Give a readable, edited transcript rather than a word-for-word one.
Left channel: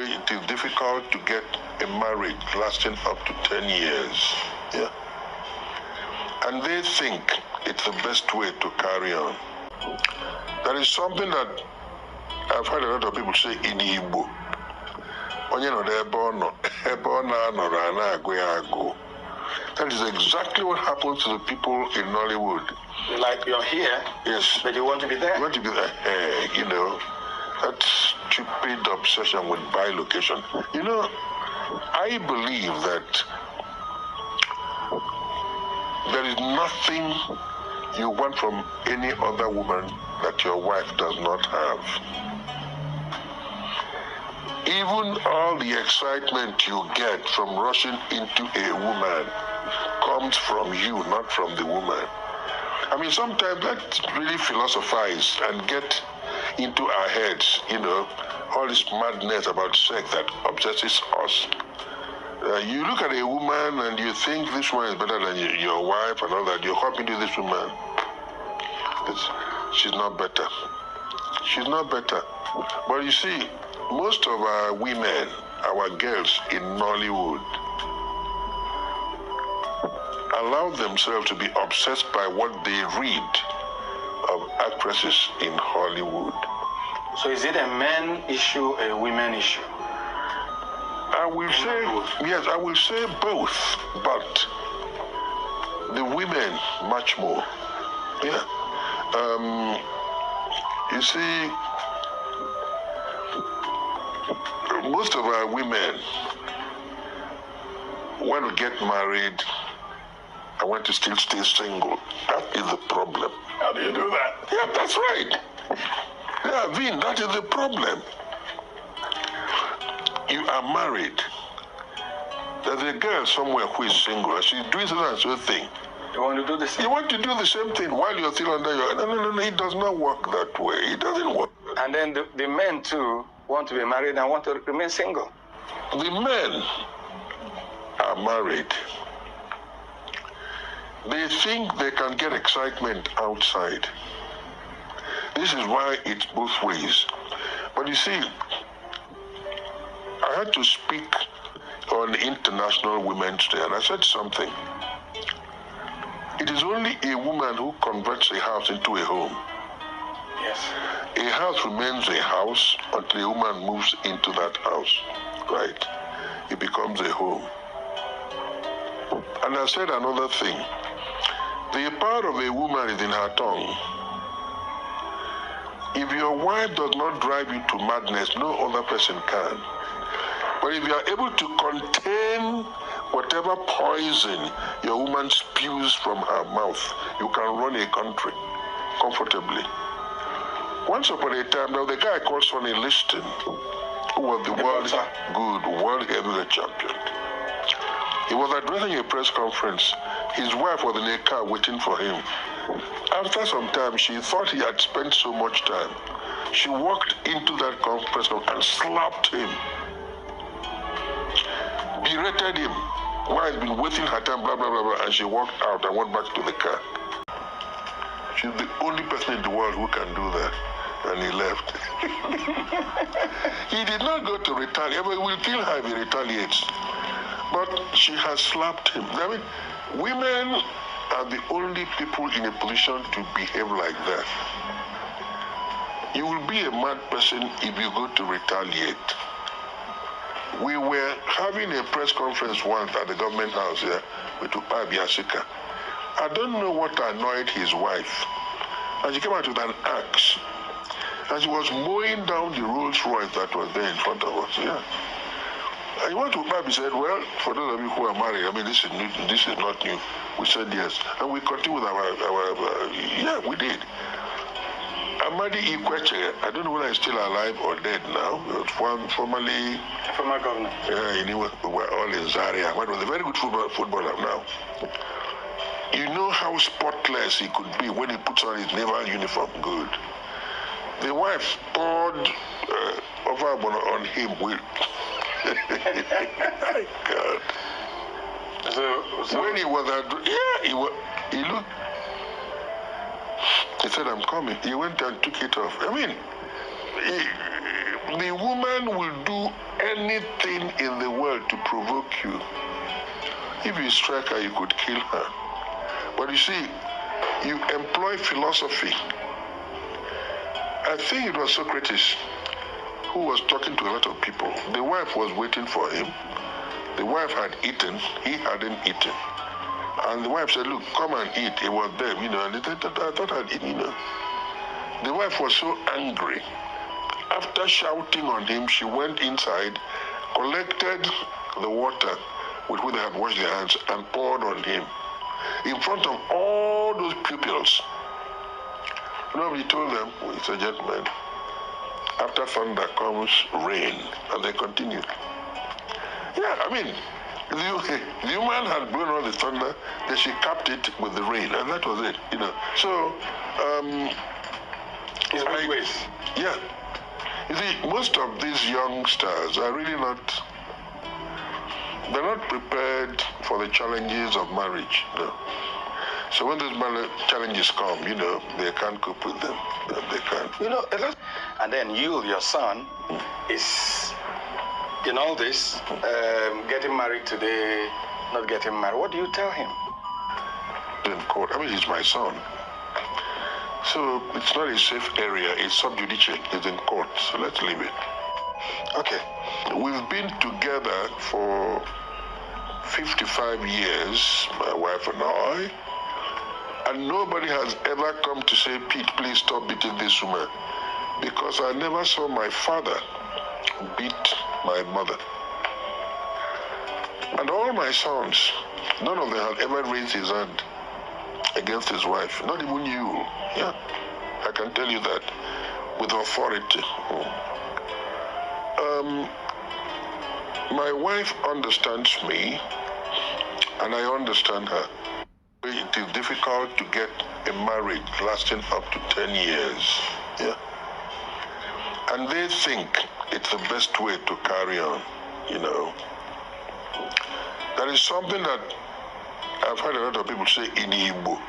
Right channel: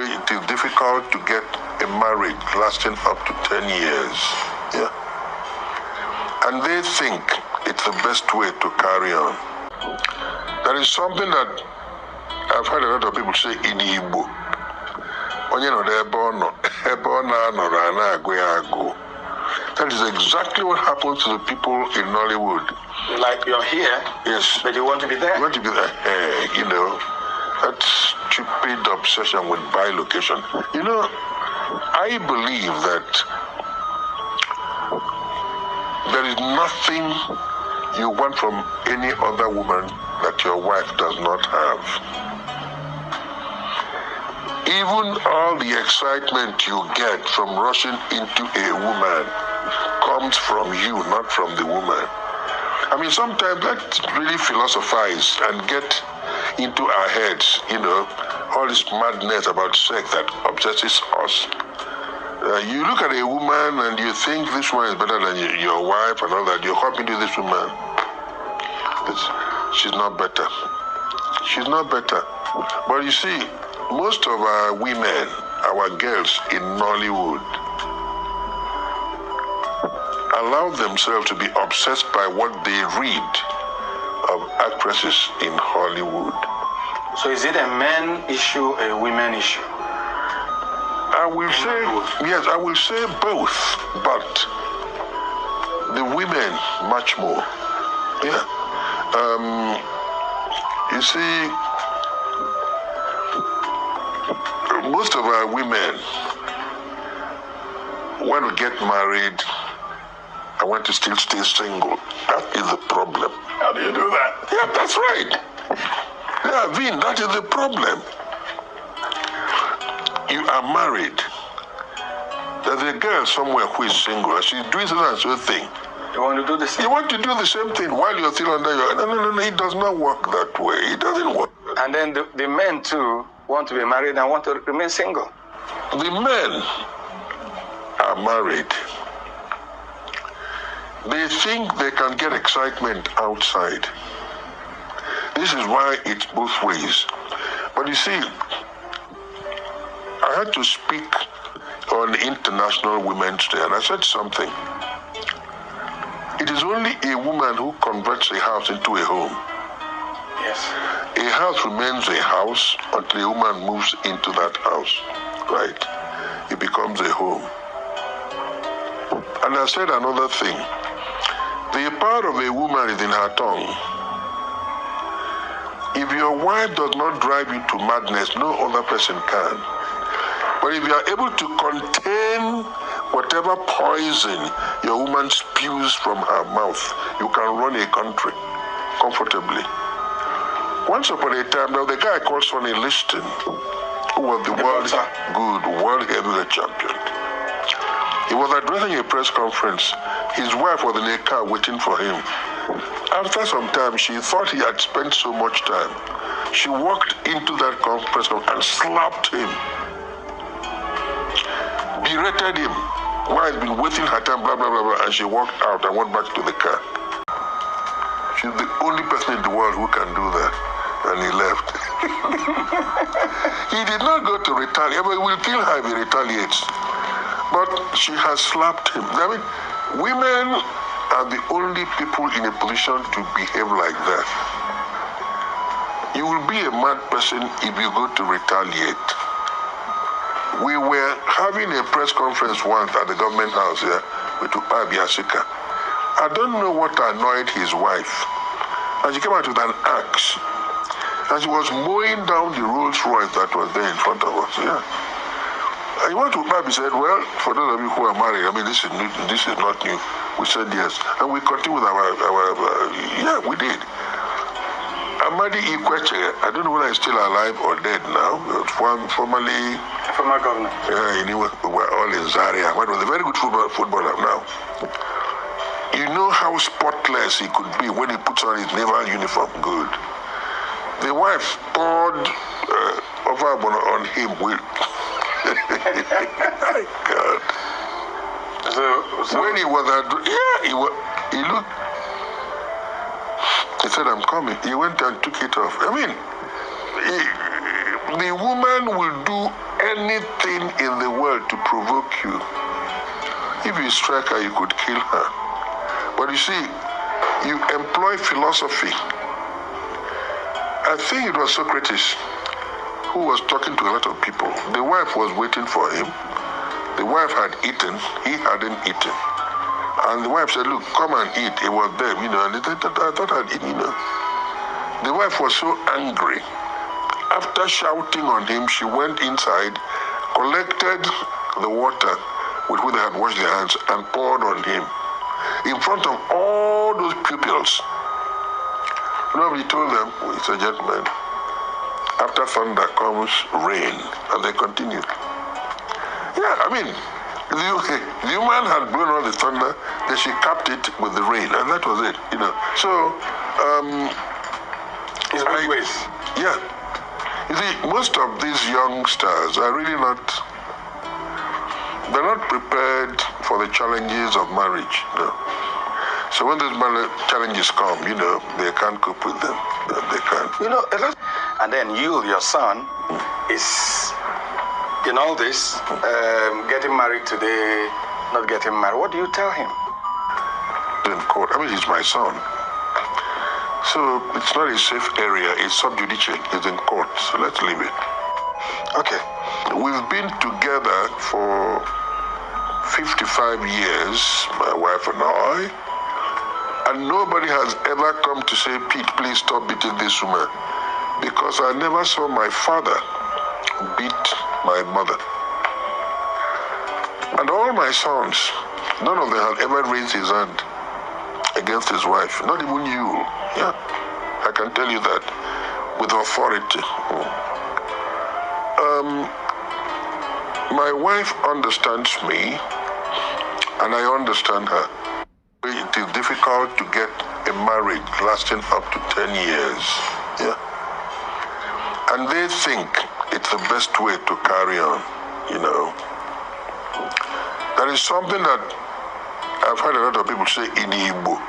It is difficult to get a marriage lasting up to 10 years. Yeah. And they think it's the best way to carry on. There is something that I've heard a lot of people say in Igbo. That is exactly what happens to the people in Nollywood. Like you're here, yes, but you want to be there. You want to be there, that stupid obsession with bilocation. I believe that there is nothing you want from any other woman that your wife does not have. Even all the excitement you get from rushing into a woman comes from you, not from the woman. I mean, sometimes let's really philosophize and get into our heads, all this madness about sex that obsesses us. You look at a woman and you think this one is better than your wife and all that. You hop into this woman. She's not better. She's not better. But you see, most of our women, our girls in Nollywood, allow themselves to be obsessed by what they read of actresses in Hollywood. So is it a man issue, a women issue? I will say both, but the women much more. Yeah. You see, most of our women want to get married. I want to still stay single. That is the problem. How do you do that? Yeah, that's right. Yeah, Vin, that is the problem. You are married. There's a girl somewhere who is single and she's doing such and such thing. You want to do the same? You want to do the same thing while you're still under your... No, it does not work that way. It doesn't work. And then the men too want to be married and want to remain single. The men are married. They think they can get excitement outside. This is why it's both ways. But you see, I had to speak on International Women's Day, and I said something. It is only a woman who converts a house into a home. Yes. A house remains a house until a woman moves into that house, right? It becomes a home. And I said another thing. The power of a woman is in her tongue. If your wife does not drive you to madness, no other person can. But if you are able to contain whatever poison your woman spews from her mouth, you can run a country comfortably. Once upon a time, there was a guy called Sonny Liston, who was the world heavyweight champion. He was addressing a press conference. His wife was in a car waiting for him. After some time, she thought he had spent so much time. She walked into that conference and slapped him, berated him, while he'd been waiting her time, blah, blah, blah, blah, and she walked out and went back to the car. She's the only person in the world who can do that. And he left. He did not go to retaliate. But we'll kill her if he retaliates. But she has slapped him. I mean, women are the only people in a position to behave like that. You will be a mad person if you go to retaliate. We were having a press conference once at the government house here with Upabi Asika. I don't know what annoyed his wife. And she came out with an axe. And she was mowing down the Rolls Royce that was there in front of us. Yeah. And he went to Upabi, said, well, for those of you who are married, I mean, this is not new. We said yes. And we continued with our we did. Amadi Ikweche, I don't know whether he's still alive or dead now. Former governor. Yeah, anyway, we were all in Zaria. He was a very good footballer now. You know how spotless he could be when he puts on his naval uniform. Good. The wife poured over on him with... My God. So when he was he looked. He said, I'm coming. He went and took it off. I mean, the woman will do anything in the world to provoke you. If you strike her, you could kill her. But you see, you employ philosophy. I think it was Socrates who was talking to a lot of people. The wife was waiting for him. The wife had eaten, he hadn't eaten. And the wife said, look, come and eat. It was there, and I thought I'd eaten, The wife was so angry. After shouting on him, she went inside, collected the water with which they had washed their hands and poured on him in front of all those pupils. Nobody told them, it's a gentleman. After thunder comes rain, and they continued. Yeah, I mean, the woman had blown all the thunder, then she capped it with the rain, and that was it, So, it's both ways. Yeah. You see, most of these youngsters are really they're not prepared for the challenges of marriage, So when those challenges come, they can't cope with them. They can't. And then your son, is in all this, getting married today, not getting married. What do you tell him? In court. I mean, he's my son. So it's not a safe area. It's sub judice. It's in court. So let's leave it. Okay. We've been together for 55 years, my wife and I, and nobody has ever come to say, Pete, please stop beating this woman, because I never saw my father beat my mother. And all my sons, none of them had ever raised his hand against his wife, not even you. Yeah, I can tell you that with authority. My wife understands me, and I understand her. It is difficult to get a marriage lasting up to 10 years. Yeah. And they think it's the best way to carry on, That is something that I've heard a lot of people say in Igbo.